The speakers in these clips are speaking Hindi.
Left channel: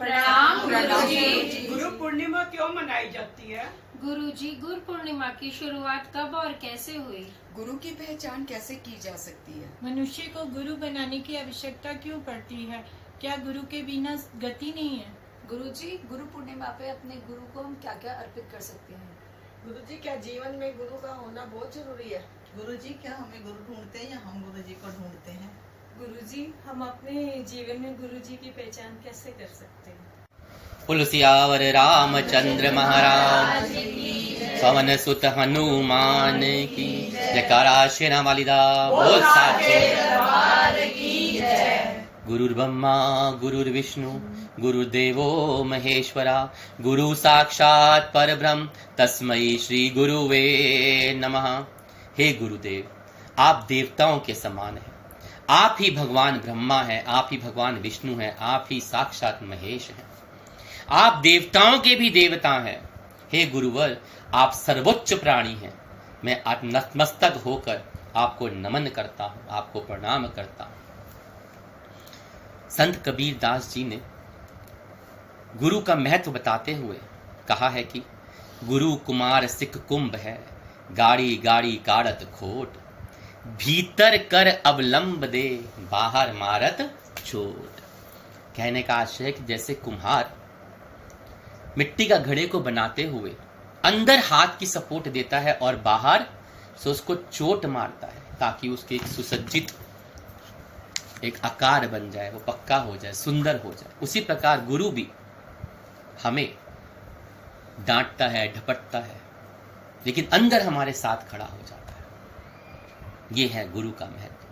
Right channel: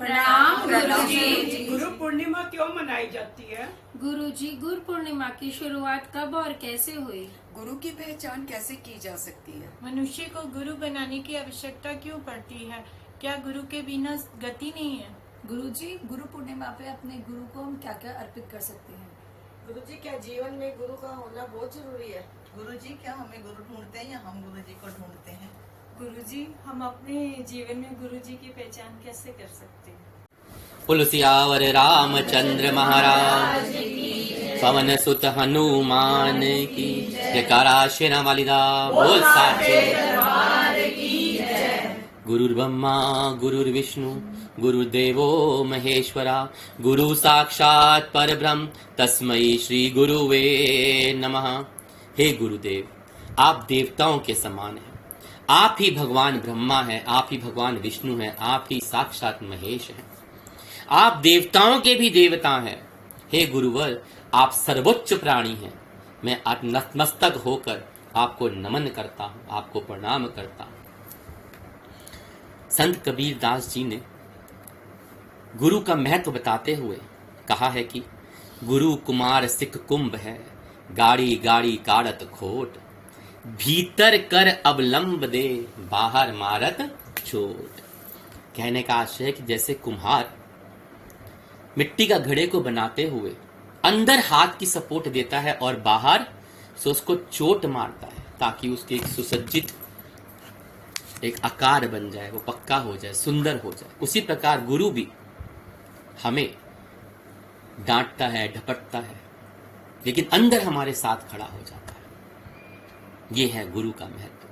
प्रणाम गुरुजी। गुरु पूर्णिमा क्यों मनाई जाती है? गुरुजी, गुरु पूर्णिमा की शुरुआत कब और कैसे हुई? गुरु की पहचान कैसे की जा सकती है? मनुष्य को गुरु बनाने की आवश्यकता क्यों पड़ती है? क्या गुरु के बिना गति नहीं है? गुरुजी, गुरु पूर्णिमा पे अपने गुरु को हम क्या क्या अर्पित कर सकते हैं? गुरुजी, क्या जीवन में गुरु का होना बहुत जरूरी है? गुरुजी, क्या हमें गुरु ढूंढते हैं या हम गुरुजी को ढूंढते हैं? गुरुजी, हम अपने जीवन में गुरुजी की पहचान कैसे कर सकते हैं? पुलसियावर रामचंद्र महाराज पवन सुत हनुमान की जयकारा शेरा वालिदा बोल साचे। गुरुर्ब्रह्मा गुरुर्विष्णु गुरुदेवो महेश्वरा गुरु साक्षात परब्रह्म तस्मै श्री गुरुवे नमः। हे गुरुदेव, आप देवताओं के समान हैं। आप ही भगवान ब्रह्मा हैं, आप ही भगवान विष्णु हैं, आप ही साक्षात महेश हैं। आप देवताओं के भी देवता हैं। हे गुरुवर, आप सर्वोच्च प्राणी हैं। मैं नतमस्तक होकर आपको नमन करता हूं, आपको प्रणाम करता हूं। संत कबीर दास जी ने गुरु का महत्व बताते हुए कहा है कि गुरु कुमार सिख कुंभ है, गाड़ी गाड़ी काढ़त खोट, भीतर कर अवलंब दे, बाहर मारत चोट। कहने का आशय है कि जैसे कुम्हार मिट्टी का घड़े को बनाते हुए अंदर हाथ की सपोर्ट देता है और बाहर से उसको चोट मारता है ताकि उसके एक सुसज्जित एक आकार बन जाए, वो पक्का हो जाए, सुंदर हो जाए। उसी प्रकार गुरु भी हमें डांटता है, ढपटता है, लेकिन अंदर हमारे साथ खड़ा हो जाता है। ये है गुरु का महत्व।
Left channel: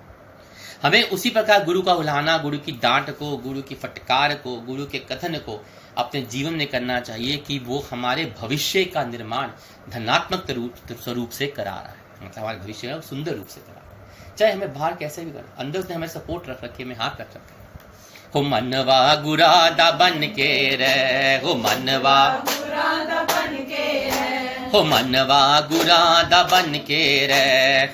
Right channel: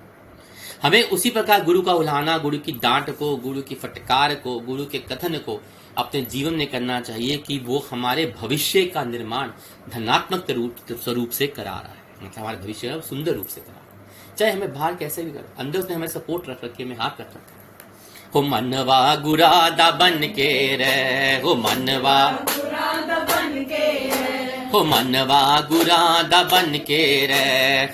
हमें उसी प्रकार गुरु का उल्हाना, गुरु की डांट को, गुरु की फटकार को, गुरु के कथन को अपने जीवन में करना चाहिए कि वो हमारे भविष्य का निर्माण धनात्मक स्वरूप से करा रहा है। मतलब हमारे भविष्य का सुंदर रूप से करा रहा है, चाहे हमें बाहर कैसे भी करो, अंदर उसने हमें सपोर्ट रख रखे, हमें हाथ रख रखे। हो मनवा गुरादा बन के रे, हो मनवा गुरादा बन के रे, हो मनवा गुरादा बन के रे,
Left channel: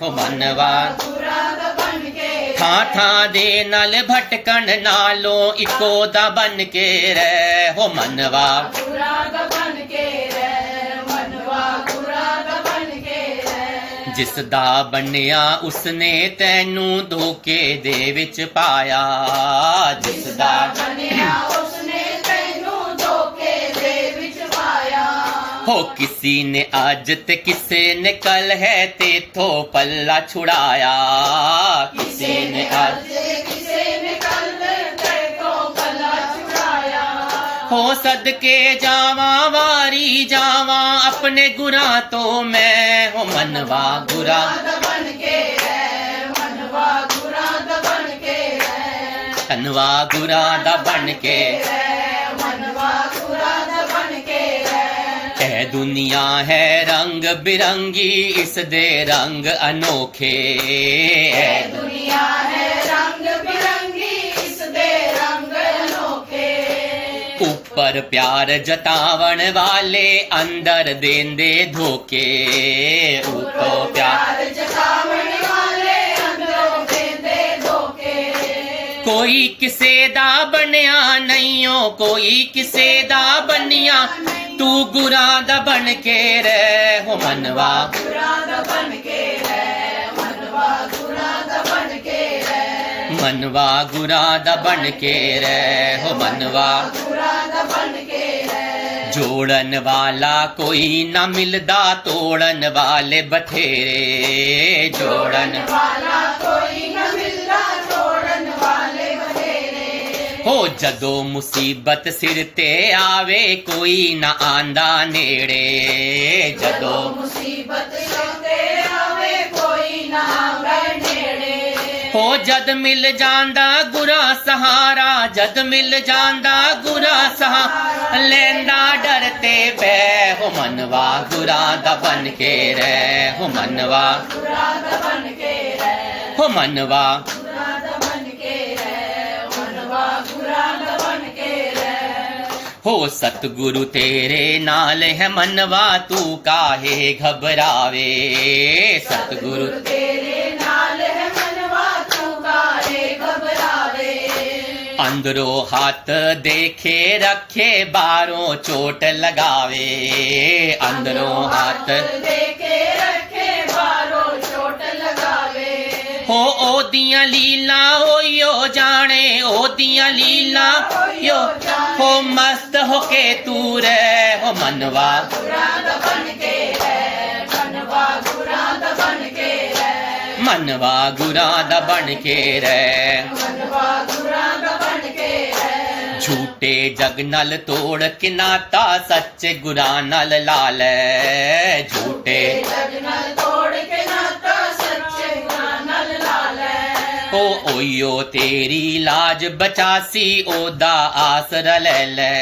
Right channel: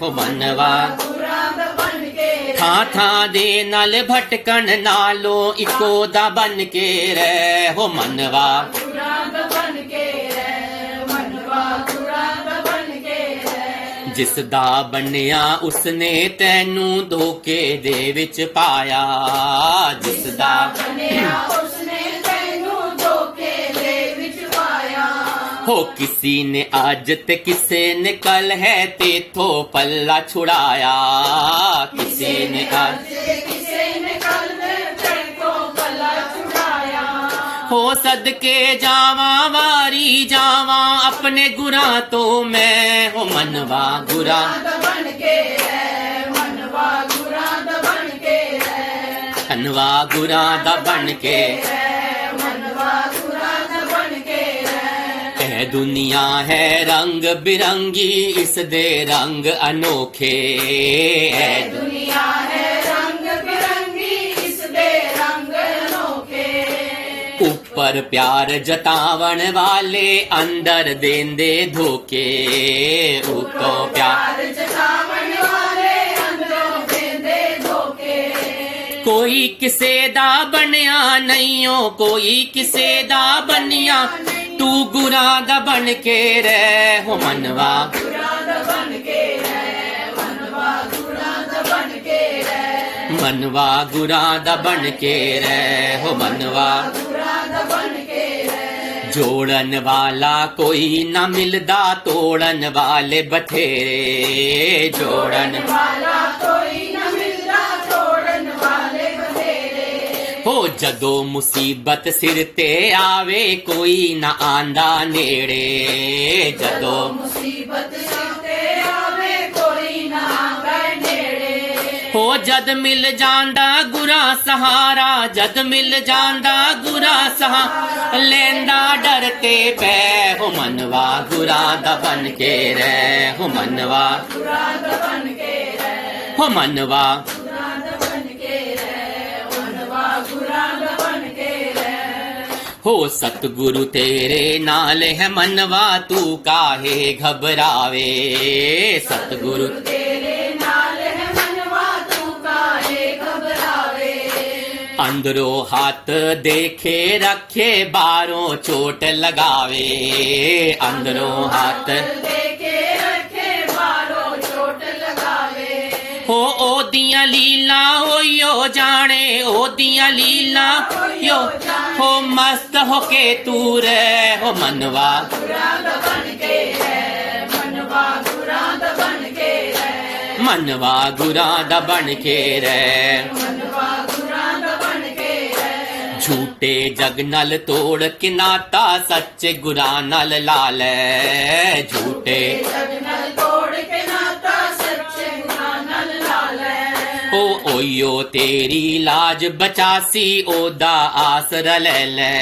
हो मनवा गुरादा बन के रे, थां थां दे नल भटकन नालो इको दा बन के रे, हो मनवा गुरादा बन के रे, मनवा गुरादा बन के रे, जिस दा बनया उसने तैनू धोखे दे विच पाया, जिस दा बनया उसने तैनू धोखे दे विच पाया। हो किसी ने आज ते किसे ने कल है तेथों पल्ला छुड़ाया, किसी ने आज ते किसे ने कल तेथों पल्ला छुड़ाया। हो सदके जावा वारी जावा अपने गुनाह तो मैं, हो मनवा गुरा बन के रे, मनवा गुरा बन के रे, मनवा गुरा बन के रे, मनवा गुरा बन के रे। ऐ दुनिया है रंग बिरंगी इस दे रंग अनोखे, ऐ दुनिया है रंग बिरंगी इस दे रंग अनोखे। ऊपर प्यार जतावण वाले अंदर देंदे धोखे, ऊपर प्यार जतावण वाले अंदर देंदे धोखे। कोई किसे दा बनया नहीं हो, कोई किसे दा बनया, तू गुरादा बन के रे, हो मनवा गुरादा बन के रे, मनवा गुरादा बन के रे, मनवा गुरादा बन के रे, हो मनवा गुरादा बन के रे। जोड़न वाला कोई ना मिलदा, तोड़न वाले बथेरे, जोड़न वाला कोई ना मिलदा, तोड़न वाले बथेरे। हो जदो मुसीबत सिर ते आवे कोई ना आंदा नेड़े, जदो मुसीबत सिर ते आवे कोई ना आंदा नेड़े। हो जद मिल जांदा गुरा सहारा, जद मिल जांदा गुरा सहारा, लेंदा डरते पै, हो मनवा गुरादा बन के रे, हो मनवा गुरादा बन के रे, हो मनवा हो सतगुरु तेरे नाल है मनवा तू काहे घबरावे, सतगुरु तेरे नाल है मनवा तू काहे घबरावे। अंदरो हाथ देखे रखे बारों चोट लगावे, अंदरो हाथ देखे रखे बारों चोट लगावे। हो ओ दियां लीला हो यो जाने, ओ दियां लीला यो हो मस्त हो के तू रे, हो मनवा गुराद बन के है, मनवा गुराद बन के है, मनवा गुराद बन के रे। मनवा गुराद बन के है। झूठे जग नल तोड़ के नाता सच्चे गुरा नल लाल, झूठे जगनल तोड़ के नाता सच्चे गुरानल लाल। ओ ओयो तेरी लाज बचासी ओदा आसर ले ले,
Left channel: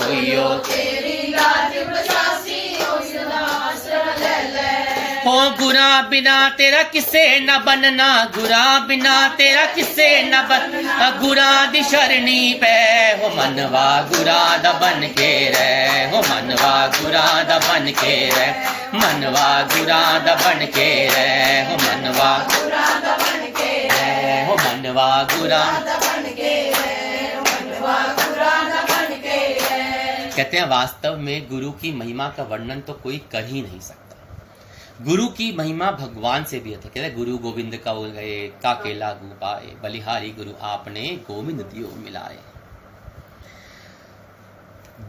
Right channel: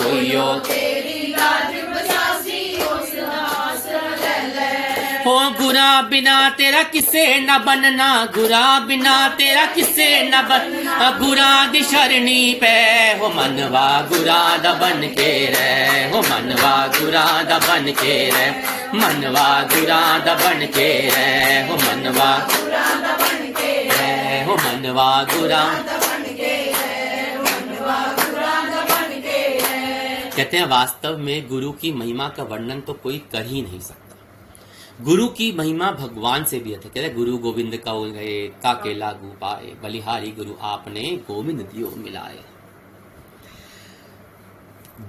ओयो तेरी लाज बचासी उसका आसरा ले ले। हो गुरा बिना तेरा किसे न बनना, गुरा बिना तेरा किसे न बनना, गुरा दी शरणी पे हो मनवा गुराद बन के रे, हो मनवा गुराद बन के रे, मनवा गुराद बन के रे, हो मनवा गुराद बन के रे, हो मनवा गुरा। बन के है, मनवा गुराद बन के है। कहते हैं वास्तव में गुरु की महिमा का वर्णन तो कोई कर ही नहीं सकता। गुरु की महिमा भगवान से भी अधिक। कहते हैं गुरु गोविंद का गए काके लागू पाए, बलिहारी गुरु आपने गोविंद दियो मिलाए।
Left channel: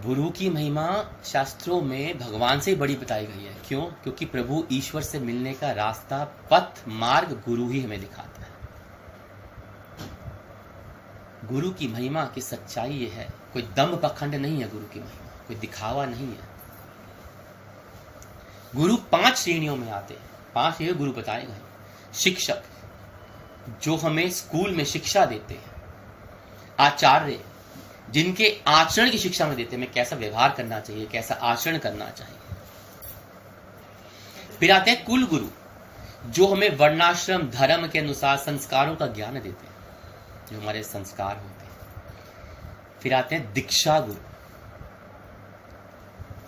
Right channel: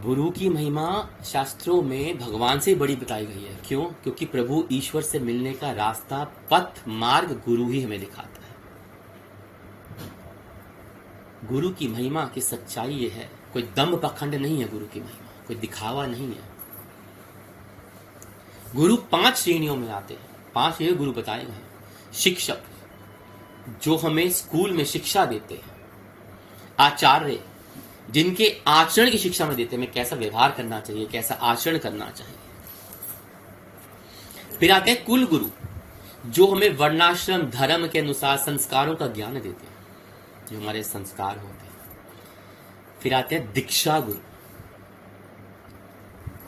गुरु की महिमा शास्त्रों में भगवान से बड़ी बताई गई है। क्यों? क्योंकि प्रभु ईश्वर से मिलने का रास्ता, पथ, मार्ग गुरु ही हमें दिखाता है। गुरु की महिमा की सच्चाई ये है, कोई दम्भ पखंड नहीं है गुरु की महिमा, कोई दिखावा नहीं है। गुरु 5 श्रेणियों में आते हैं। 5 श्रेणी गुरु बताए गए। शिक्षक, जो हमें स्कूल में शिक्षा देते हैं। आचार्य, जिनके आचरण की शिक्षा में देते हैं, हमें कैसा व्यवहार करना चाहिए, कैसा आचरण करना चाहिए। फिर आते हैं कुल गुरु, जो हमें वर्णाश्रम धर्म के अनुसार संस्कारों का ज्ञान देते हैं, जो हमारे संस्कार होते हैं। फिर आते हैं दीक्षा गुरु,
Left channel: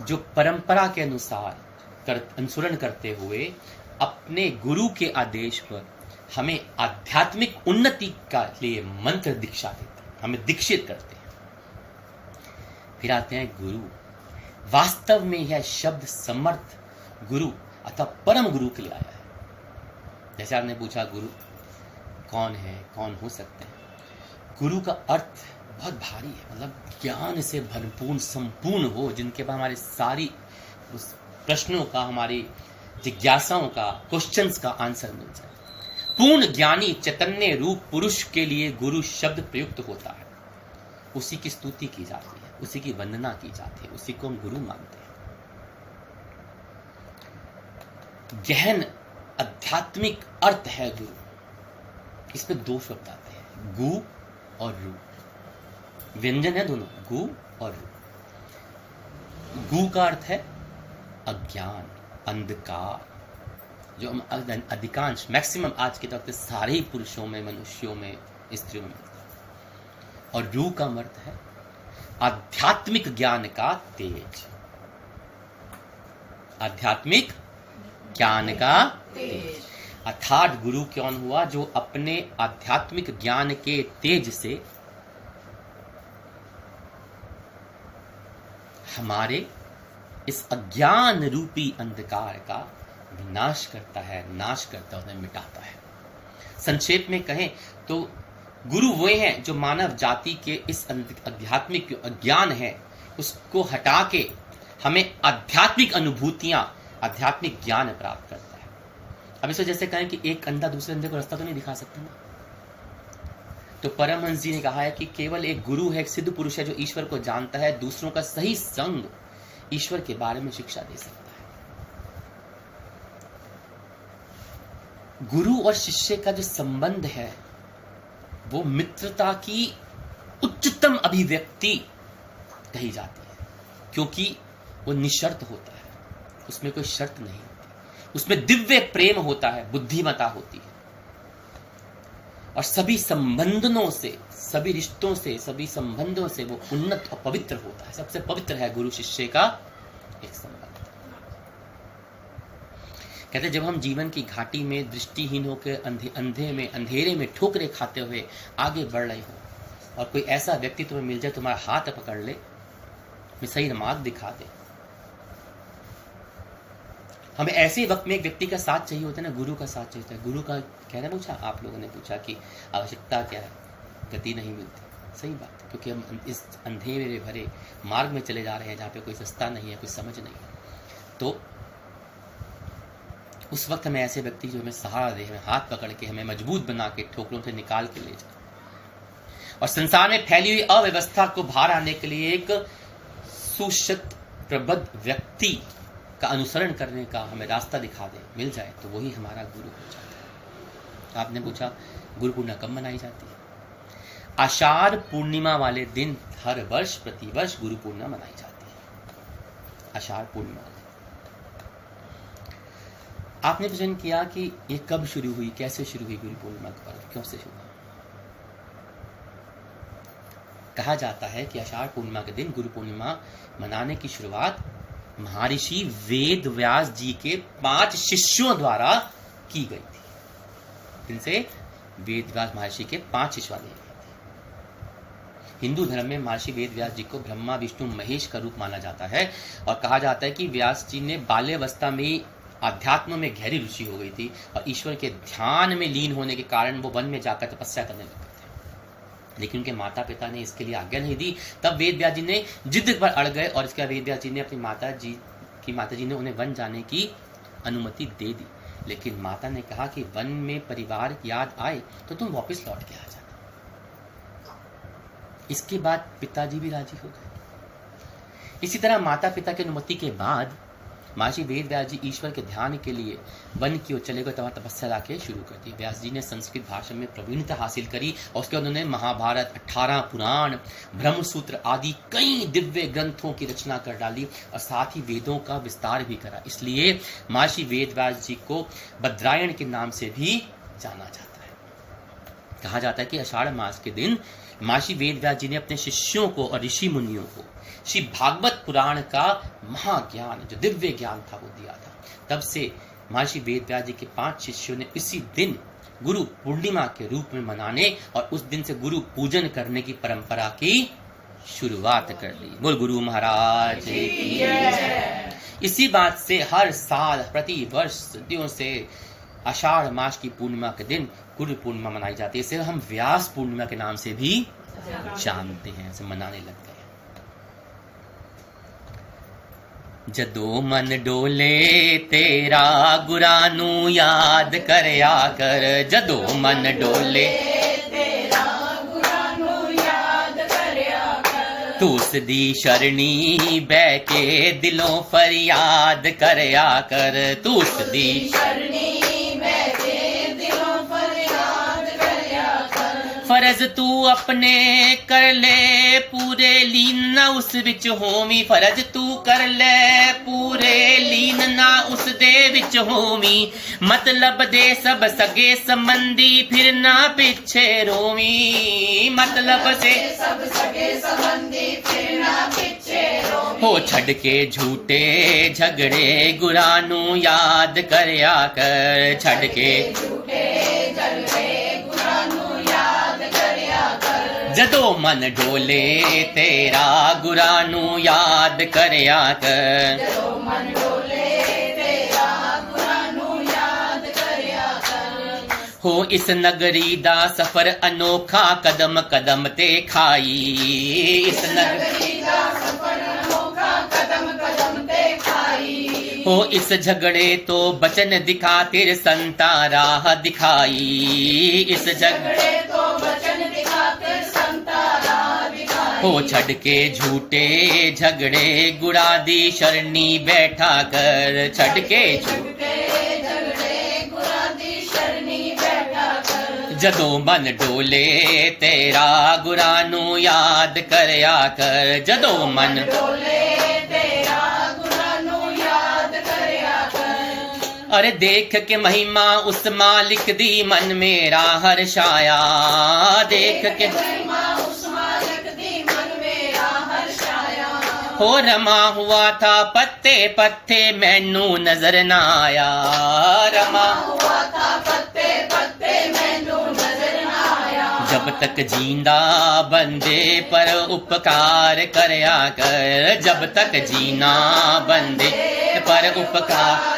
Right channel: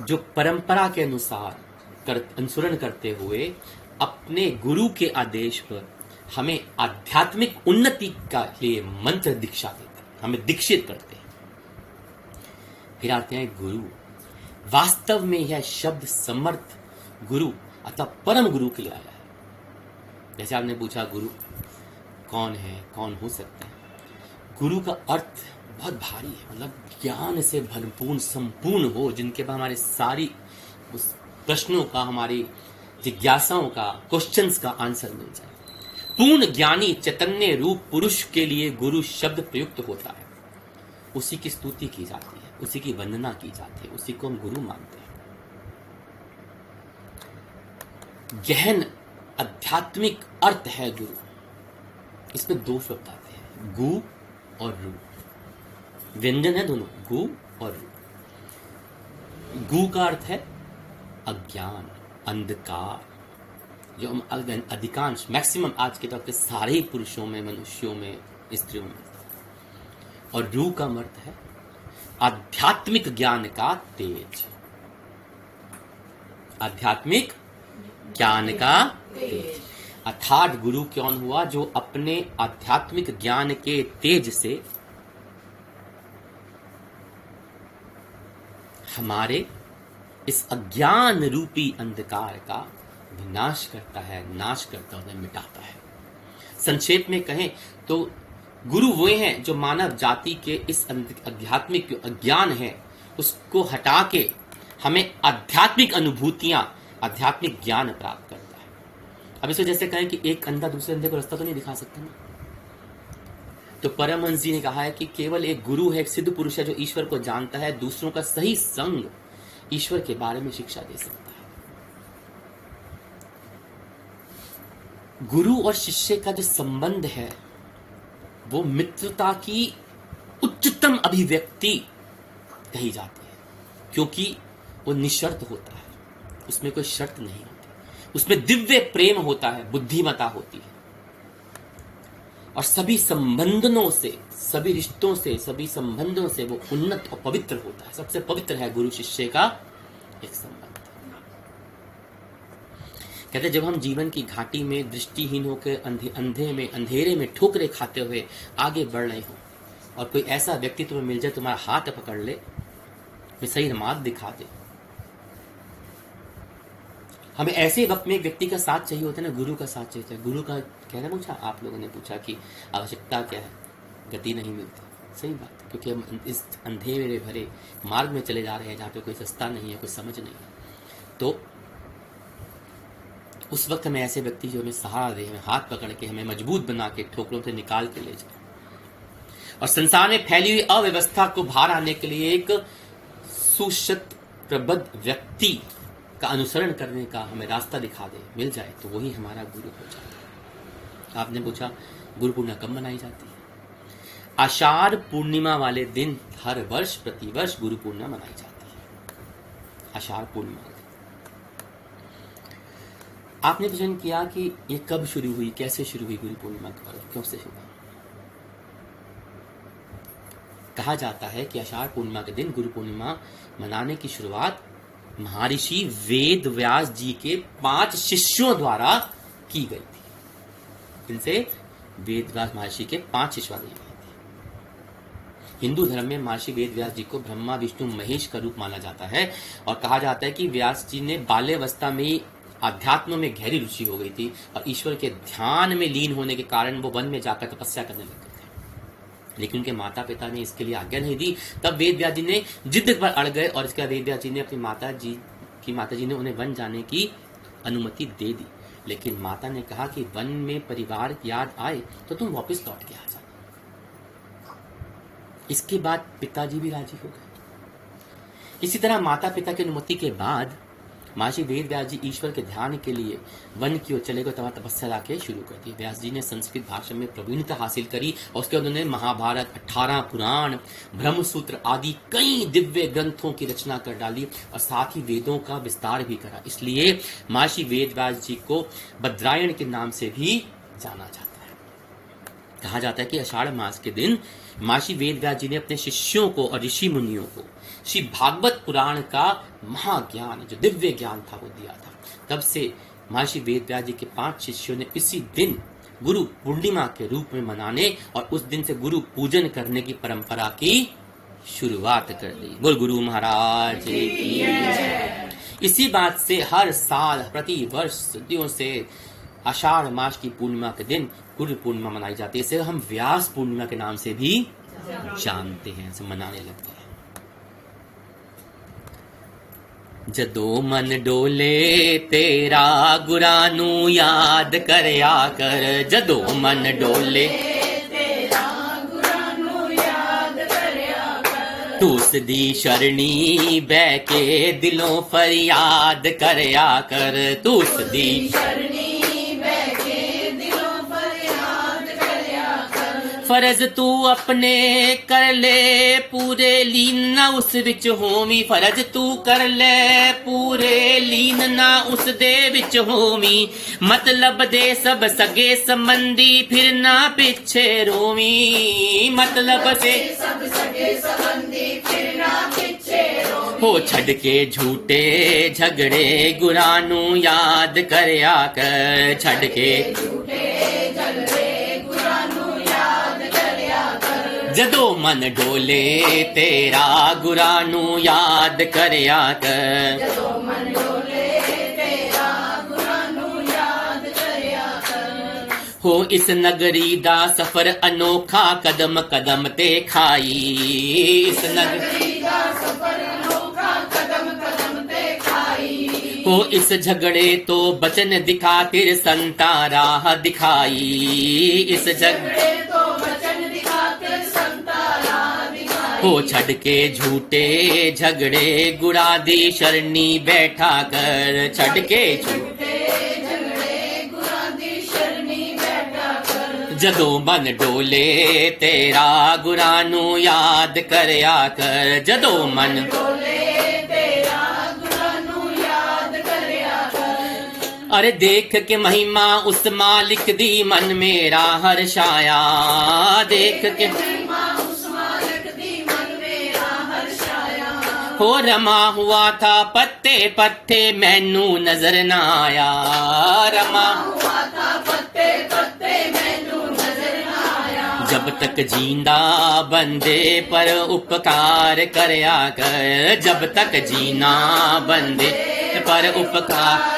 जो परंपरा के अनुसार अनुसरण करते हुए अपने गुरु के आदेश पर हमें आध्यात्मिक उन्नति का लिए मंत्र दीक्षा देते हैं, हमें दीक्षित करते हैं। फिर आते हैं गुरु, वास्तव में यह शब्द समर्थ गुरु अथवा परम गुरु कहलाया है। जैसे आपने पूछा गुरु कौन है, कौन हो सकते हैं। गुरु का अर्थ बहुत भारी है, मतलब ज्ञान से भरपूर संपूर्ण हो, जिनके बाद हमारे सारी उस प्रश्नों का, हमारी जिज्ञासाओं का, क्वेश्चंस का आंसर मिल जाए। पूर्ण ज्ञानी चैतन्य रूप पुरुष के लिए गुरु शब्द प्रयुक्त होता है। उसी की स्तुति की जाती है, उसी की वंदना की जाती है, उसी को हम गुरु मानते हैं। गहन आध्यात्मिक अर्थ है गुरु। इसमें 2 शब्द आते हैं, गु और रू। व्यंजन है दोनों, गु और रू। गु का अर्थ है अज्ञान, अंधकार, जो हम अधिकांश मैक्सिमम आज के वक्त सारे ही पुरुषों में, मनुष्यों में, स्त्रियों में। और रू का अर्थ है आध्यात्मिक ज्ञान का तेज। आध्यात्मिक ज्ञान का तेज अर्थात गुरु कौन हुआ? जो अपने आध्यात्मिक ज्ञान के तेज से हमारे इस अज्ञान रूपी अंधकार का विनाश करता है, नाश करता है, मिटाता है। संक्षेप में कहें तो गुरु वे हैं जो मानव जाति के इस आध्यात्मिक अज्ञान है उसको हटा के हमें आध्यात्मिक अनुभूतियां, आध्यात्मिक ज्ञान प्राप्त करता है। अब इसको जैसे कहें कि एक अंधा दूसरे अंधे को रास्ता तो नहीं दिखा सकता ना, तो परमहंस जी ने कहा है कि केवल एक गुरु है, एक सिद्ध पुरुष है जो ईश्वर को जानता है, दूसरों का सही संग ईश्वर के बारे में शिक्षा दे सकता है। गुरु और शिष्य का जो संबंध है वो मित्रता की उच्चतम अभिव्यक्ति कही जाती है, क्योंकि वो निशर्त होता है, उसमें कोई शर्त नहीं होती, उसमें दिव्य प्रेम होता है, बुद्धिमता होती है, और सभी संबंधों से, सभी रिश्तों से, सभी संबंधों से वो उन्नत और पवित्र होता है। सबसे पवित्र है गुरु शिष्य का एक संबंध। कहते जब हम जीवन की घाटी में दृष्टिहीन होकर अंधेरे में ठोकरे खाते हुए आगे बढ़ रहे हो, और कोई ऐसा व्यक्ति तुम्हें मिल जाए, तुम्हारा हाथ पकड़ ले, तुम्हें सही मार्ग दिखा दे। हमें ऐसे वक्त में एक व्यक्ति का साथ चाहिए होता है ना, गुरु का साथ चाहिए होता है। गुरु का कहना पूछा, आप लोगों ने पूछा कि आवश्यकता क्या है, गति नहीं मिलती। सही बात है, क्योंकि हम इस अंधेरे भरे मार्ग में चले जा रहे हैं जहाँ पे कोई रास्ता नहीं है, कोई समझ नहीं है। तो उस वक्त हमें ऐसे व्यक्ति जो हमें सहारा दे, हमें हाथ पकड़ के, हमें मजबूत बना के, ठोकरों से निकाल के ले जाए और संसार में फैली हुई अव्यवस्था को बाहर आने के लिए एक सुशक्त प्रबुद्ध व्यक्ति का अनुसरण करने का हमें रास्ता दिखा दे, मिल जाए, तो वही हमारा गुरु हो जाता है। आपने पूछा गुरु पूर्णिमा कब मनाई जाती है? आषाढ़ पूर्णिमा वाले दिन हर वर्ष प्रतिवर्ष गुरु पूर्णिमा मनाई जाती है। आषाढ़ पूर्णिमा वाले दिन आपने प्रश्न किया कि ये कब शुरू हुई, कैसे शुरू हुई गुरु पूर्णिमा का पर्व, क्यों से शुरू हुआ? कहा जाता है कि आषाढ़ पूर्णिमा के दिन गुरु पूर्णिमा मनाने की शुरुआत महर्षि वेद व्यास जी के 5 शिष्यों द्वारा की गई थी। इनसे वेद व्यास महर्षि के 5 शिष्य वाली गई थी। हिंदू धर्म में महर्षि वेद व्यास जी को ब्रह्मा विष्णु महेश का रूप माना जाता है और कहा जाता है कि व्यास जी ने बाल्यावस्था में आध्यात्म में गहरी रुचि हो गई थी और ईश्वर के ध्यान में लीन होने के कारण वो वन में जाकर तपस्या करने लगे थे। लेकिन उनके माता पिता ने इसके लिए आज्ञा नहीं दी। तब वेद व्यास जी ने जिद पर अड़ गए और इसके बाद वेद व्यास जी ने अपनी माता जी ने उन्हें वन जाने की अनुमति दे दी। लेकिन माता ने कहा कि वन में परिवार याद आए तो तुम वापस लौट के आ जा। इसके बाद पिताजी भी राजी हो गए। इसी तरह माता पिता की अनुमति के बाद महर्षि वेद व्यास जी ईश्वर के ध्यान के लिए वन की ओर चले गए, तब तपस्या लाके शुरू कर दी। व्यास जी ने संस्कृत भाषा में प्रवीणता हासिल करी और उसके बाद उन्होंने महाभारत, 18 पुराण, ब्रह्मसूत्र आदि कई दिव्य ग्रंथों की रचना कर डाली और साथ ही वेदों का विस्तार भी करा। इसलिए महर्षि वेद व्यास जी को बद्रायण के नाम से भी जाना जाता है। कहा जाता है कि आषाढ़ मास के दिन महर्षि वेद व्यास जी ने अपने शिष्यों को और ऋषि मुनियों को श्री भागवत पुराण का महाज्ञान, जो दिव्य ज्ञान था, वो दिया था। तब से महर्षि वेद व्यास जी के 5 शिष्यों ने इसी दिन गुरु पूर्णिमा के रूप में मनाने और उस दिन से गुरु पूजन करने की परंपरा की शुरुआत कर दी। बोल गुरु महाराज की। इसी बात से हर साल प्रति वर्ष सदियों से आषाढ़ मास की पूर्णिमा के दिन गुरु पूर्णिमा मनाई जाती है। इसे हम व्यास पूर्णिमा के नाम से भी जानते हैं, इसे मनाने लग गए। जदों मन डोले तेरा गुरानू याद करया कर, जदों मन डोले तेरा गुरानू याद करया कर, तू सदी शरणी बह के दिलों फरियाद करया कर, तू सदी शरणी बह के दिलों फरियाद करया कर। फर्ज तू अपने कर ले पूरे लीन ना उस विच होवी, फर्ज तू कर ले पूरे लीन ना उस दे विच होवी, मतलब दे सब सगे संबंधी फिर ना पिछे रोवी, मतलब से सब सगे संबंधी फिर ना पिछे रोवी। हो छड़ के झूठे झगड़े गुरानू याद करया कर, छड़ के झूठे झगड़े जदों मन डोले तेरा गुरानू याद करया कर, जदों मन डोले तेरा गुरानू याद करया कर। हो इस नगरी दा सफर अनोखा कदम कदम ते खाई, इस नगरी दा सफर अनोखा कदम कदम ते खाई। हो इस झगड़े तो बचन दिखा तिर संता राह दिखाई, इस झगड़े तो हो छड़ के झूठे झगड़े गुड़ा दी शरणी बैठा कर, छड़ के झूठे झगड़े गुड़ा दी शरणी बैठा कर। जदों मन डोले तेरा गुरानू याद करया कर, जदों मन डोले तेरा गुरानू याद करया कर। अरे देख के महिमा उस मालिक दी मन मेरा हर्षाया, देख के हो रमा हुआ था पत्ते पत्ते मैनू नजर ना आया, रमा हुआ था पत्ते पत्ते मैनू नजर ना आया। जब तक जिंदा बंदे पर उपकार करया कर, जब तक जीना बंदे पर उपकार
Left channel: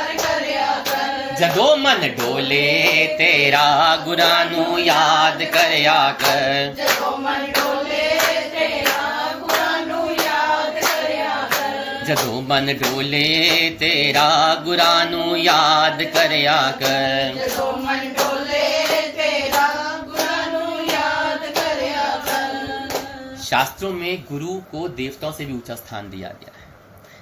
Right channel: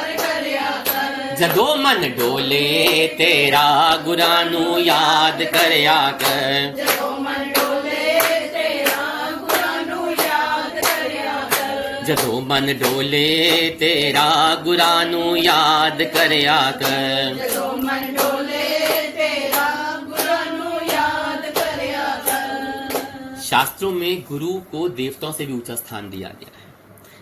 जदों मन डोले तेरा गुरां नू याद करया कर, जदों मन डोले तेरा गुरां नू याद करया कर, जदों मन डोले तेरा गुरां नू याद करया कर, जदों मन डोले तेरा गुरां नू याद करया कर। शास्त्रों में गुरु को देवताओं से भी ऊंचा स्थान दिया गया है।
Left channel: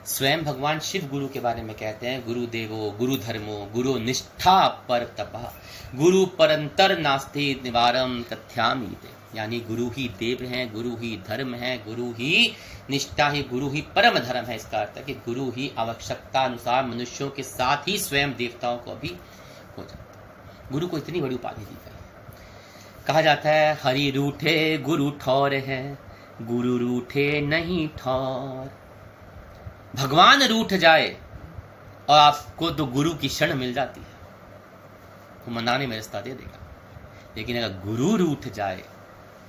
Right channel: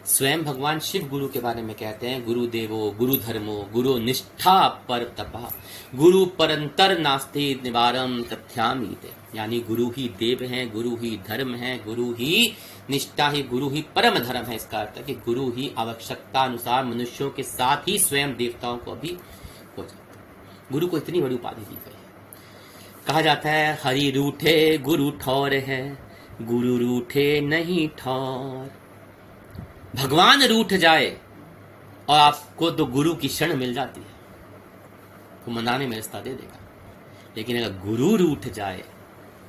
स्वयं भगवान शिव गुरु के बारे में कहते हैं, गुरु देवो गुरु धर्मो गुरु निष्ठा पर तपा गुरु परंतर नास्ति निवारम तथ्यामि ते। यानी गुरु ही देव हैं, गुरु ही धर्म है, गुरु ही निष्ठा ही, गुरु ही परम धर्म है। इसका अर्थ है कि गुरु ही आवश्यकता अनुसार मनुष्यों के साथ ही स्वयं देवताओं को भी हो जाता है। गुरु को इतनी बड़ी उपाधि दी गई है। कहा जाता है हरि रूठे गुरु ठौर है, गुरु रूठे नहीं ठौर। भगवान रूठ जाए और आपको तो गुरु की शरण मिल जाती है, वो मनाने में रास्ता दे देगा। लेकिन अगर गुरु रूठ जाए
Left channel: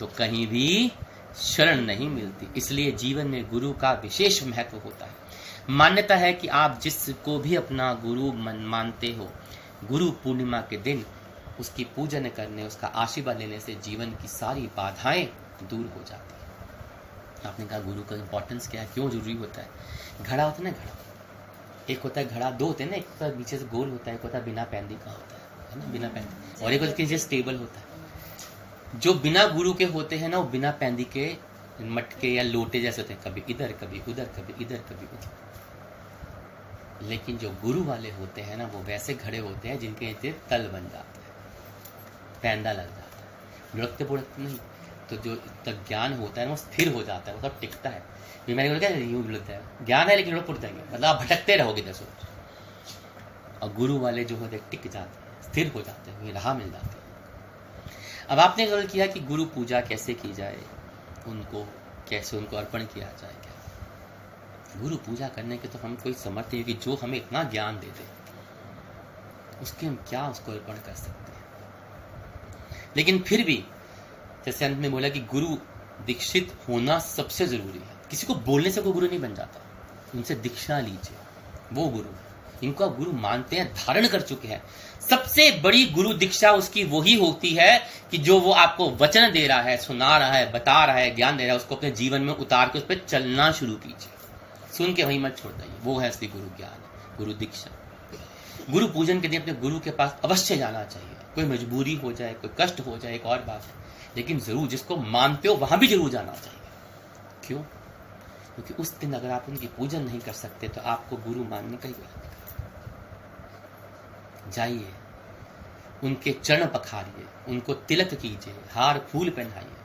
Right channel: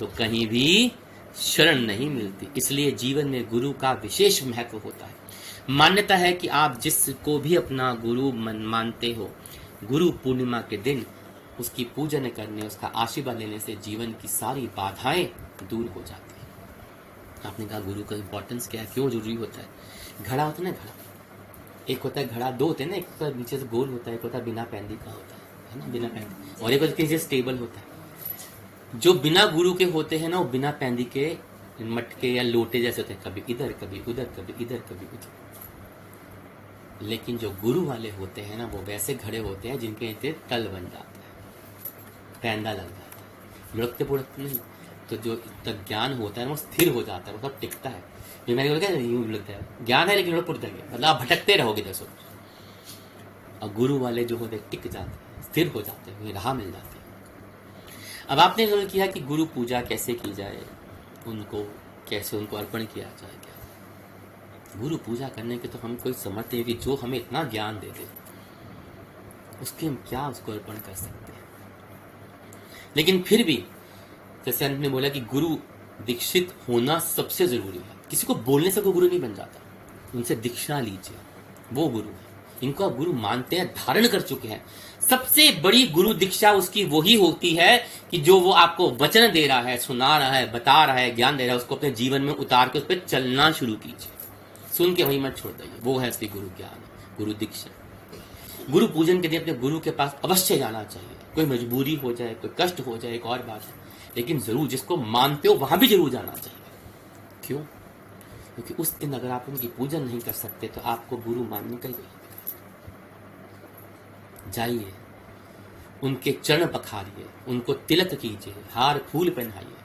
तो कहीं भी शरण नहीं मिलती। इसलिए जीवन में गुरु का विशेष महत्व होता है। मान्यता है कि आप जिसको भी अपना गुरु मानते हो, गुरु पूर्णिमा के दिन उसकी पूजन करने, उसका आशीर्वाद लेने से जीवन की सारी बाधाएं दूर हो जाती है। आपने कहा गुरु का इंपॉर्टेंस क्या है, क्यों जरूरी होता है? घड़ा होता है ना, घड़ा एक होता है, घड़ा दो होते हैं ना, एक होता है नीचे से गोल होता है, एक होता है बिना पैंदी का होता है ना, बिना पैंदी, और एक होता है नीचे स्टेबल होता है। जो बिना गुरु के होते हैं ना, वो बिना पैंदी के मटके या लोटे जैसे होते हैं, कभी इधर कभी उधर, कभी इधर कभी उधर। लेकिन जो गुरु वाले होते हैं ना, वो वैसे घड़े होते हैं जिनके नीचे तल बन जाता है, पैंदा लग जाता है, लुढ़कते पुढ़कते नहीं। तो जो तक ज्ञान होता है वो स्थिर हो जाता है, वो सब टिकता है। मैंने बोला यूं लगता है ज्ञान है लेकिन लोग पुट जाएंगे, मतलब आप भटकते रहोगे जैसे। और गुरु वाले जो होते टिक जाते हैं, स्थिर हो जाते हैं, राह मिल जाती है। अब आपने सवाल किया कि गुरु पूजा कैसे की जाए, उनको कैसे उनको अर्पण किया जाए। क्या गुरु पूजा करने के तो हम कोई समझते हैं कि जो हमें इतना ज्ञान दे दे, उसके हम क्या उसको अर्पण कर सकते हैं। लेकिन फिर भी जैसे अंत में बोला कि गुरु दीक्षित होना सबसे जरूरी है। किसी को बोलने से कोई गुरु नहीं बन जाता, उनसे दीक्षा लीजिए, वो गुरु है। इनको आप गुरु मानते हैं, धारण कर चुके हैं। सबसे बड़ी गुरु दीक्षा उसकी वही होती है कि जो वो आपको वचन दे रहा है, सुना रहा है, बता रहा है, ज्ञान दे रहा है, उसको अपने जीवन में उतार के उस पर चलना शुरू कीजिए। सुन के वहीं मत छोड़ दीजिए, वो है असली गुरु ज्ञान, गुरु दीक्षा। गुरु पूजन के दिन अपने गुरु के पास अवश्य जाना चाहिए। कोई मजबूरी हो जाए, कोई कष्ट हो जाए, एक और बात है, लेकिन जरूर जिसको मानते हो वहां भी जरूर जाना चाहिए। क्यों? क्योंकि उस दिन अगर आप उनकी पूजन नहीं कर सकते तो आपको गुरु मानने का ही जाइए, उनके चरण पखारिए, उनको तिलक कीजिए, हार फूल पहनाइए,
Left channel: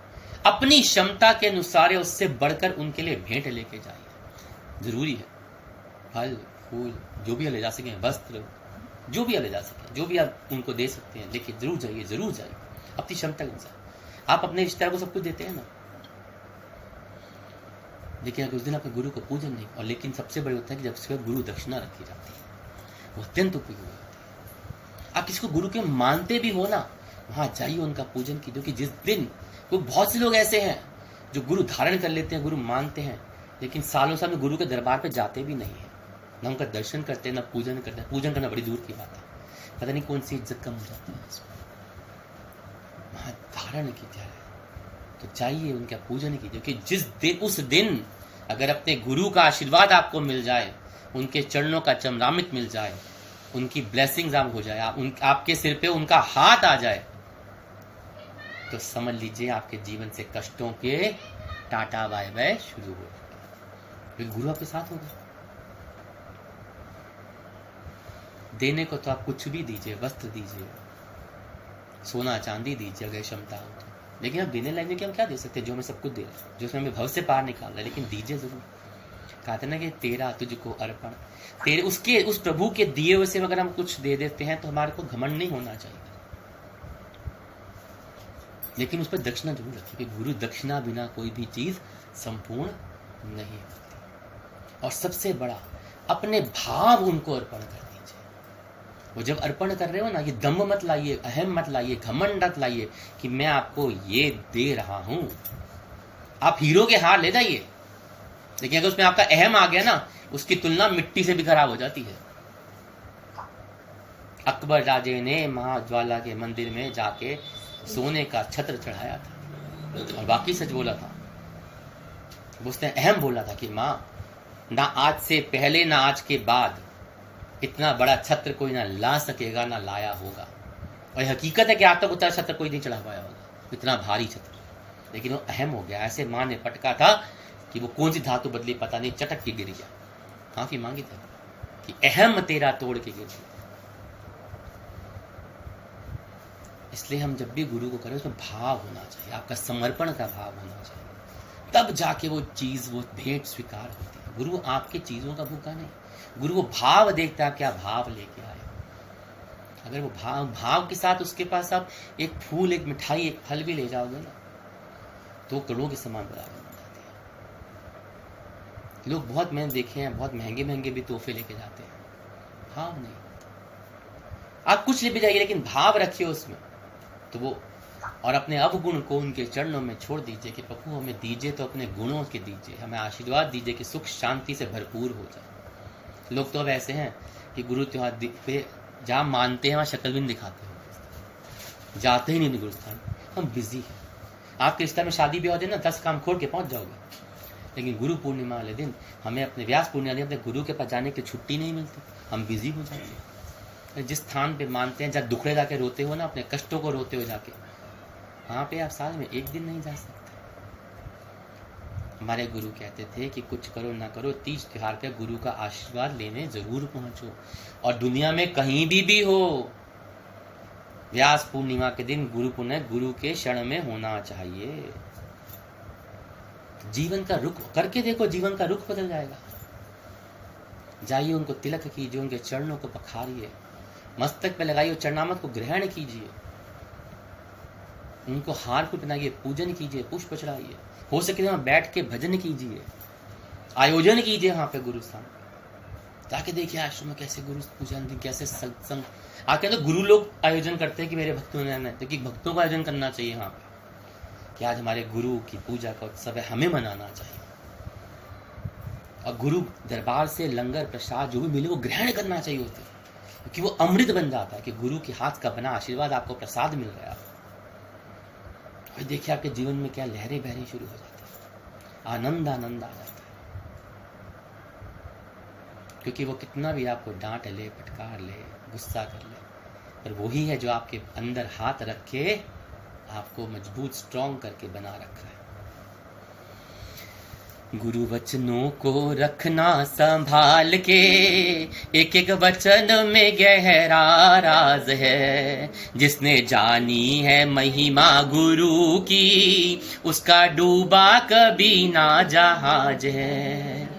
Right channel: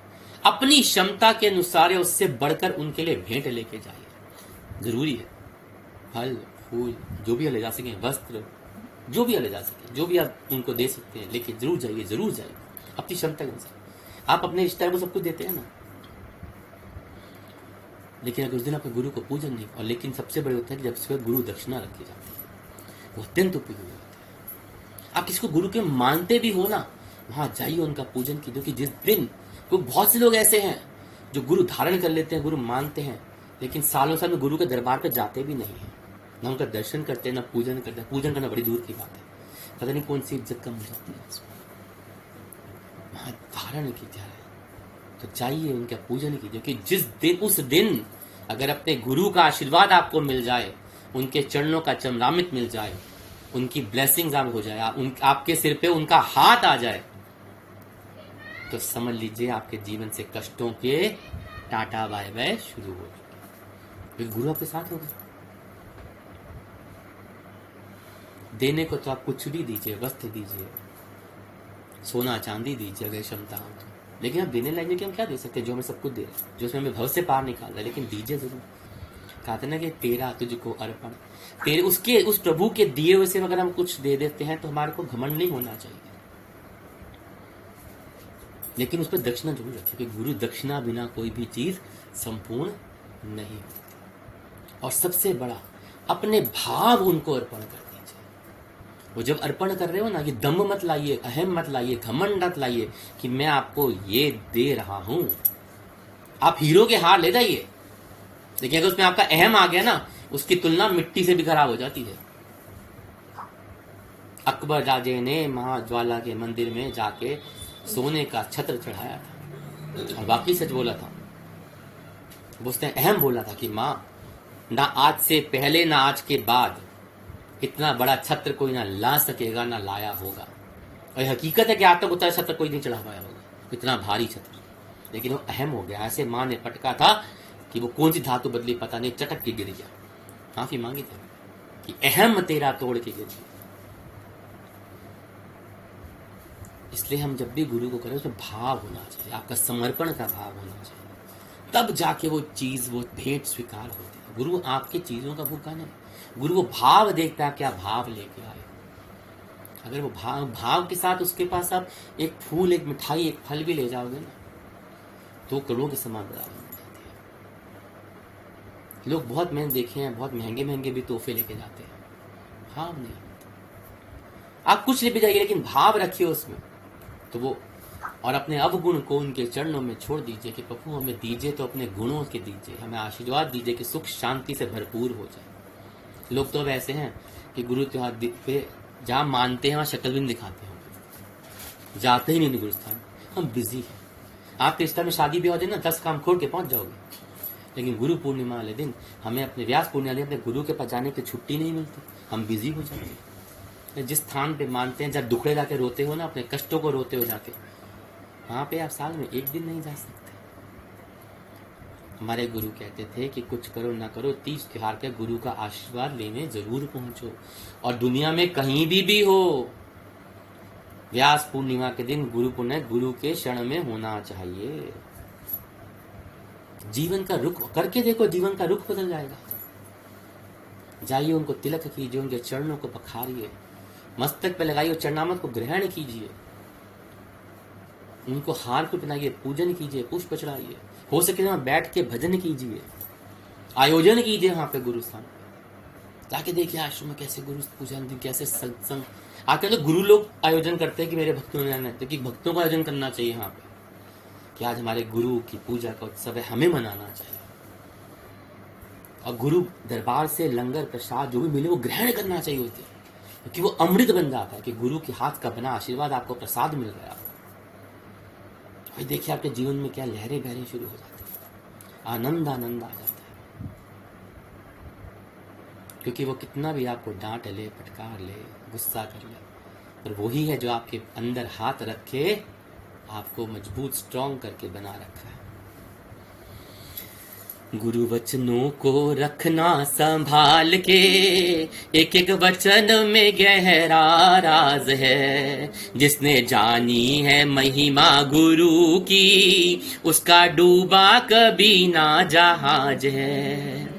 अपनी क्षमता के अनुसार उससे बढ़कर उनके लिए भेंट लेके जाइए। जरूरी है, फल फूल जो भी ले जा सकें, वस्त्र जो भी ले जा सके, जो भी आप उनको दे सकते हैं, लेकिन जरूर जाइए, जरूर जाइए अपनी क्षमता के अनुसार। आप अपने रिश्तेदार को सब कुछ देते हैं ना, लेकिन अगर उस दिन अपने गुरु को पूजन नहीं, और लेकिन सबसे बड़े होता है कि जब उसके गुरु दक्षिणा रखी जाती है, वो अत्यंत उपयोगी होती है। आप किसको गुरु के मानते भी हो ना, वहां जाइए, उनका पूजन कीजिए। कि जिस दिन क्योंकि बहुत से लोग ऐसे हैं जो गुरु धारण कर लेते हैं, गुरु मानते हैं, लेकिन सालों साल में गुरु के दरबार पे जाते भी नहीं है, ना उनका दर्शन करते हैं, ना पूजन करते हैं। पूजन करना बड़ी दूर की बात है, पता नहीं कौन सी इज्जत कम हो जाती है। वहां धारण की जाए तो चाहिए, उनका पूजन कीजिए। कि जिस दिन, उस दिन अगर अपने गुरु का आशीर्वाद आपको मिल जाए, उनके चरणों का चमरामित मिल जाए, उनकी ब्लेसिंग्स हो जाए, आपके सिर पे उनका हाथ आ जाए, तो समझ लीजिए आपके जीवन से कष्टों के टाटा बाय बाय शुरू हो जाए। गुरु आपके साथ होगा। देने को तो आप कुछ भी दीजिए, वस्त्र दीजिए, सोना चांदी दीजिए अगर क्षमता हो, लेकिन अब देने लाइक कि हम क्या दे सकते हैं? जो हमें सब कुछ दे रहा है, जो उसमें हमें भव से पार निकाल रहा है, लेकिन दीजिए जरूर। कहते ना कि तेरा तुझको अर्पण, तेरे उसके उस प्रभु के दिए हुए से अगर हम कुछ दे देते हैं तो हमारे को घमंड नहीं होना चाहिए, लेकिन उस पर दक्षिणा जरूर रखिए कि गुरु दक्षिणा बिना कोई भी चीज संपूर्ण नहीं होती। और सबसे बड़ा, अपने भाव उनको अर्पण कर दीजिए। वो जब अर्पण कर रहे हो ना, ये दम्भ मत लाइए, अहम मत लाइए, घमंड मत लाइए कि मैं आपको ये दे रहा हूं। आप हीरो के हार ले जाइए, लेकिन अगर उसमें आपका अहम आ गया ना, उसकी तुलना मिट्टी से भी खराब हो जाती है। अकबर राजे ने महाज्वाला के मंदिर में जाके सोने का छत्र चढ़ाया था और वाकई सच बोला था। उसने अहम बोला था कि माँ, ना आज से पहले ना आज के बाद इतना बड़ा छत्र कोई ना ला सकेगा, ना लाया होगा। और हकीकत है कि आज तक उतना छत्र कोई नहीं चढ़ा पाया होगा, इतना भारी छत्र। लेकिन वो अहम हो गया, ऐसे माँ ने पटका था कि वो कौन सी धातु बदली पता नहीं, चटक के गिर गया। माफी मांगी थी कि अहम तेरा तोड़ के गिर गया। इसलिए हम जब भी गुरु को करें उसमें भाव होना चाहिए, आपका समर्पण का भाव होना चाहिए, तब जाके वो चीज, वो भेंट स्वीकार होती है। गुरु आपके चीजों का भूखा नहीं, गुरु वो भाव देखता है, क्या भाव लेके आए। अगर वो भाव के साथ उसके पास आप एक फूल, एक मिठाई, एक फल भी ले जाओगे ना, तो करोड़ों के समान बराबर हो जाती है। लोग बहुत, मैंने देखे हैं, बहुत महंगे महंगे भी तोहफे लेके जाते हैं, भाव नहीं। आप कुछ ले भी जाइए लेकिन भाव रखिए उसमें, तो वो, और अपने अवगुण को उनके चरणों में छोड़ दीजिए कि प्रभु हमें दीजिए तो अपने गुणों के दीजिए, हमें आशीर्वाद दीजिए कि सुख शांति से भरपूर हो जाए। लोग तो अब ऐसे हैं कि गुरु त्योहार पे जहाँ मानते हैं वहाँ शक्ल भी नहीं दिखाते हैं, जाते ही नहीं गुरुस्थान, हम बिजी हैं। आपके रिश्ता में शादी भी हो जाए ना, 10 काम खोल के पहुंच जाओगे, लेकिन गुरु पूर्णिमा वाले दिन हमें अपने व्यास पूर्णिमा दिन अपने गुरु के पास जाने की छुट्टी नहीं मिलती, हम बिजी हो जाएंगे। जिस स्थान पे मानते हैं, जब दुखड़े जाके रोते हो ना, अपने कष्टों को रोते हो जाके, वहां पे आप साल में एक दिन नहीं जा सकते। हमारे गुरु कहते थे कि कुछ करो ना करो, तीज त्योहार पे गुरु का आशीर्वाद लेने जरूर पहुंचो, और दुनिया में कहीं भी हो, व्यास पूर्णिमा के दिन गुरु पुण्य गुरु के शरण में होना चाहिए। जीवन का रुख करके देखो, जीवन का रुख बदल जाएगा। जाइए, उनको तिलक कीजिए, उनके चरणों को पखारिए, मस्तक पे लगाइए, चरणामृत को ग्रहण कीजिए, उनको हार को पहनाइए, पूजन कीजिए, पुष्प चढ़ाइए, हो सके वहां बैठ के भजन कीजिए, आयोजन कीजिए वहां पे गुरु स्थान पे जाके देखिए आश्रम में कैसे गुरु पूजन, कैसे सत्संग। आके तो गुरु लोग आयोजन करते हैं कि मेरे भक्तों ने आना है, क्योंकि भक्तों का आयोजन करना चाहिए वहां पे कि आज हमारे गुरु की पूजा का उत्सव है, हमें मनाना चाहिए। और गुरु दरबार से लंगर प्रसाद जो भी मिले वो ग्रहण करना चाहिए होते, क्योंकि वो अमृत बन जाता है कि गुरु के हाथ का बना आशीर्वाद आपको प्रसाद मिल रहा है आपको। और देखिए आपके जीवन में क्या लहरें बहनी शुरू हो जाती है, आनंद आनंद आ जाता है। क्योंकि वो कितना भी आपको डांट ले, फटकार ले, गुस्सा कर ले, पर वही है जो आपके अंदर हाथ रखे, आपको मजबूत स्ट्रॉन्ग करके बना रखा है। गुरु वचनों को रखना संभाल के, एक एक वचन में गहरा राज है। जिसने जानी है महिमा गुरु की, उसका डूबा कभी ना जहाज है।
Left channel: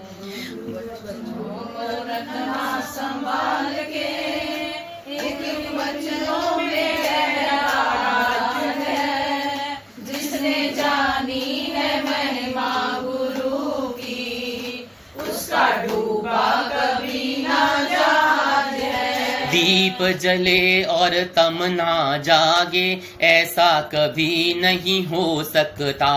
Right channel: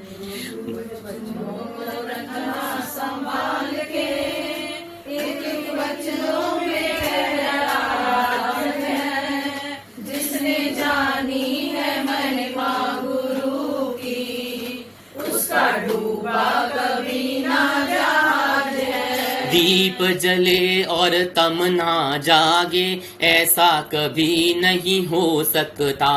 दीप जले और तम ना जागे, ऐसा कभी नहीं हो सकता।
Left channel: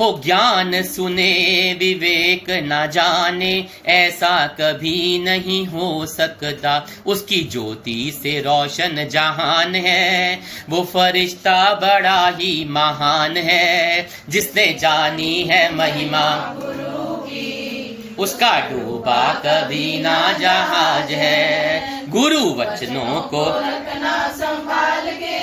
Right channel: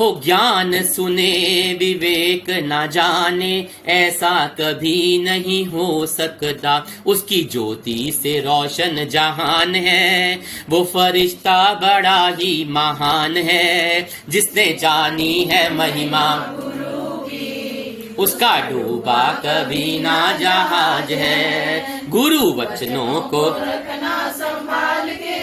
हो ज्ञान सुने विवेक ना जाने, ऐसा कभी नहीं हो सकता। उसकी ज्योति से रोशन जहान है, वो फरिश्ता बड़ा ही महान है। जिसने जानी है महिमा उसका डूबा कभी ना जहाज है। गुरु वचनों को रखना संभाल के,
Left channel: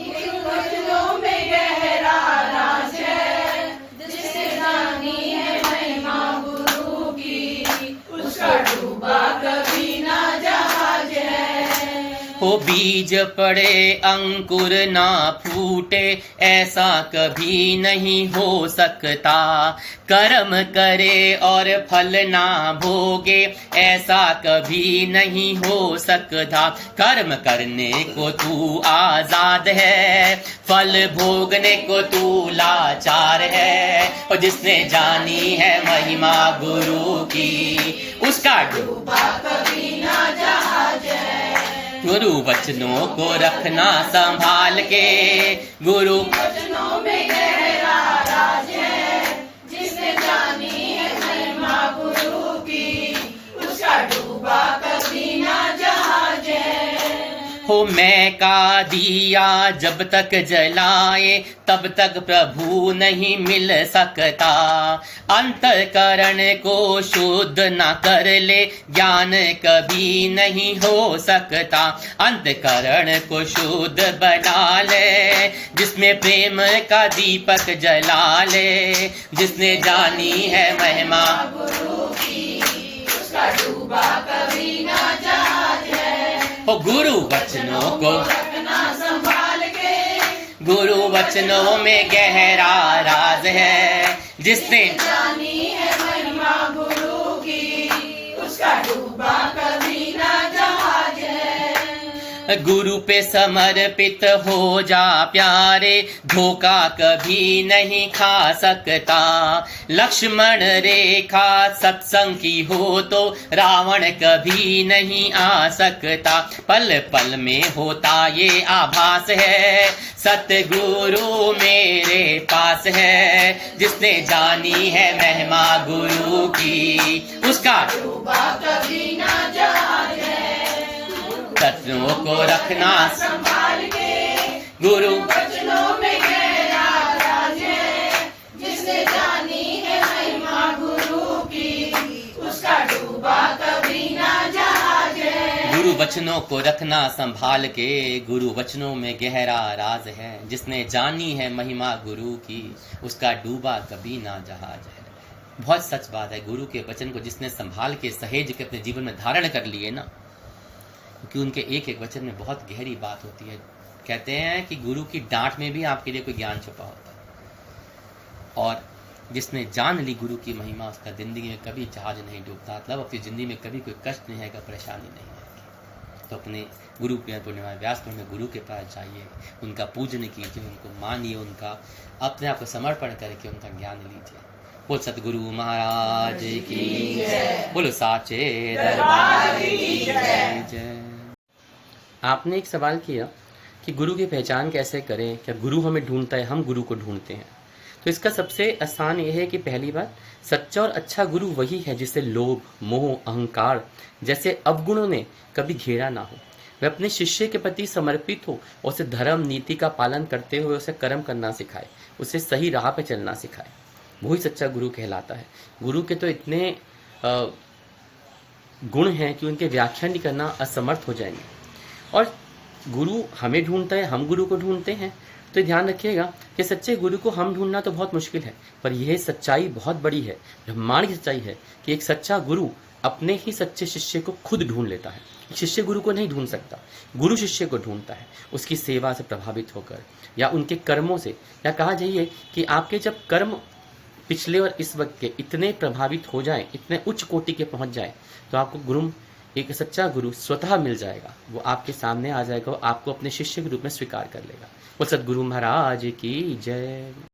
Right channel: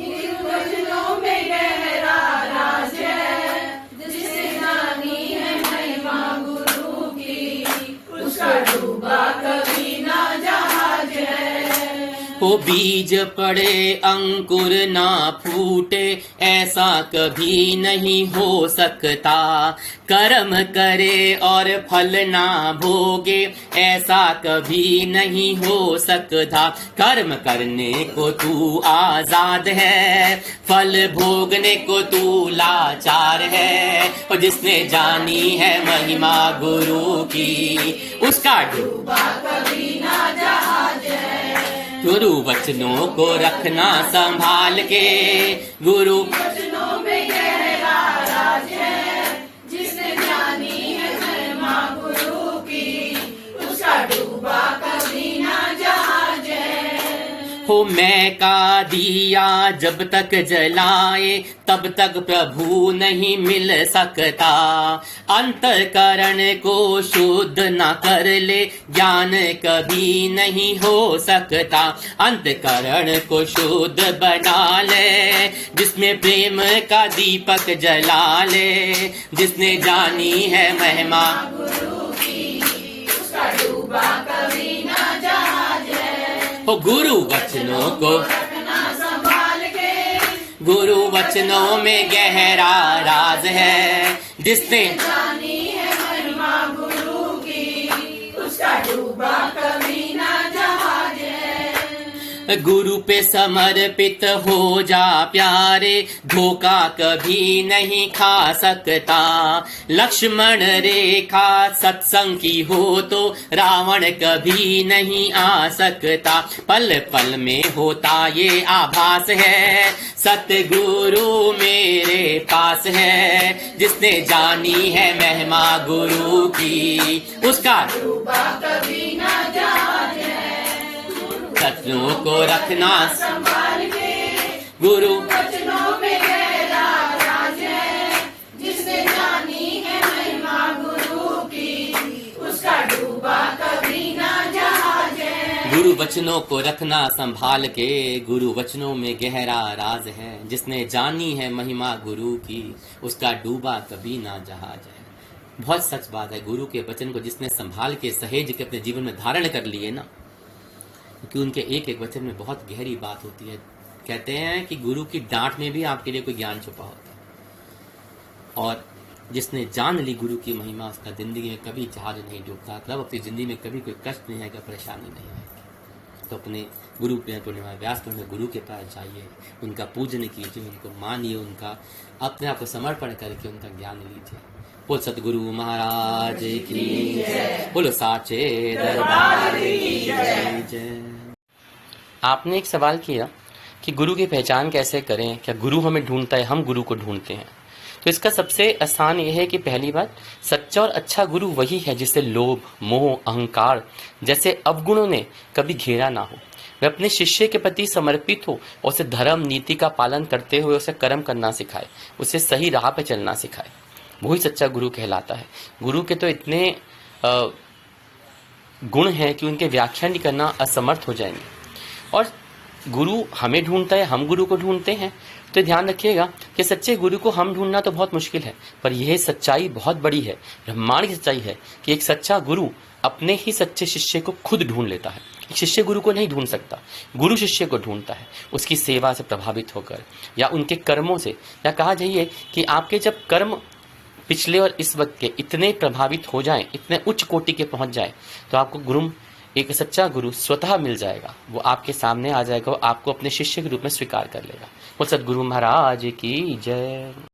इन वचनों में गहरा राज है। जिसने जानी है महिमा गुरु की, उसका डूबा कभी ना जहाज है। हो बीज पड़े अंकुर ना फूटे, ऐसा कभी नहीं हो सकता। कर्म करे और फल ना भोगे, ऐसा कभी नहीं हो सकता। कर्म करने को तू आजाद है, फल भोगने को तू लाचार है। और जिसने जानी है महिमा गुरु की, उसका डूबा कभी ना जहाज है। गुरु वचनों को रखना संभाल के, गुरु वचनों में गहरा राज है, जिसने जानी है महिमा गुरु की, उसका डूबा कभी ना जहाज है। हो मैं का दिया जब तक जलाए तब तक प्रभु नहीं मिल सकता, अंतःकरण को शुद्ध न कर ले ज्ञान कभी नहीं हो सकता। अंतःकरण को शुद्ध बना ले जिसमें प्रेम का दीपक जला ले, जिसने जानी है महिमा गुरु की, उसका डूबा कभी ना जहाज है। हो गुरु वचनों को रखना संभाल के, गुरु वचनों में गहरा राज है, जिसने जानी है महिमा गुरु की, उसका डूबा कभी ना जहाज है। गुरु पे समर्पित हो जा प्यारे, धोखा कभी नहीं खा सकता। लक्ष्मण रेखा सत्संग की हो तो रावण कभी नहीं आ सकता। पल पल में होता ये आभास है, सतगुरु मेरे पास है, जिसने जानी है महिमा गुरु की, उसका डूबा कभी ना जहाज है। सत्संगों को रखना संभाल के, गुरु वचनों में गहरा राज है, जिसने जानी है महिमा गुरु की, उसका डूबा कभी ना जहाज है। गुरु वचनों को रखना संभाल के, गुरु वचनों में गहरा राज है, जिसने जानी है महिमा गुरु की, उसका डूबा कभी ना जहाज है। बहुत सच बात है। गुरु के वचन को जिसने संभाल के सहेज के अपने जीवन में धारण कर लिए ना, क्योंकि उनके एक एक वचन में बहुत गहरी बात होती है। कहते हैं कि गुरु की डांट में भी आपके लिए कोई ज्ञान छुपा होता है, और जिसने जान ली गुरु की महिमा, उसका जिंदगी में कभी जहाज नहीं डूबता। मतलब अपनी जिंदगी में कभी कोई कष्ट नहीं आएगा, परेशानी नहीं आएगी। तो अपने गुरु पूर्णिमा व्यास में गुरु के पास जाइए, उनका पूजन कीजिए, उनको मानिए, उनका अपने आप को समर्पण करके उनका ज्ञान लीजिए। बोल सतगुरु महाराज की जय, बोलो साचे दरबार की जय। आपने एक सवाल किया कि गुरु की पहचान कैसे करें, क्या गुरु हमें ढूंढता है, हम गुरु को ढूंढते हैं? तो इसका सबसे आसान यह है कि पहली बात, सच्चा और अच्छा गुरु वही है जिसे लोभ, मोह, अहंकार जैसे अवगुणों ने कभी घेरा ना हो। वह अपने शिष्य के प्रति समर्पित हो और उसे धर्म नीति का पालन करते हुए उसे कर्म करना सिखाए, उसे सही राह पे चलना सिखाए। वही सच्चा गुरु कहलाता है। गुरु के तो इतने गुण हैं कि उनके व्याख्यान करना असमर्थ हो जाएंगे। और गुरु हमें ढूंढता है, हम गुरु को ढूंढते हैं। तो ध्यान रखिएगा कि सच्चे गुरु को हम ढूंढना तो बहुत मुश्किल है, पर यह सच्चाई बहुत बड़ी है, ब्रह्मांड की सच्चाई है कि एक सच्चा गुरु अपने ही सच्चे शिष्य को खुद ढूंढ लेता है। शिष्य गुरु को नहीं ढूंढ सकता, गुरु शिष्य को ढूंढता है, उसकी सेवा से प्रभावित होकर या उनके कर्मों से। या कहा जाइए कि आपके जब कर्म पिछले और इस वक्त के इतने प्रभावित हो जाएं, इतने उच्च कोटि के पहुंच जाएं, तो आपको गुरु, एक सच्चा गुरु स्वतः मिल जाएगा। वो आपके सामने आ जाएगा, वो आपको अपने शिष्य के रूप में स्वीकार कर लेगा। वो सतगुरु महाराज की जय।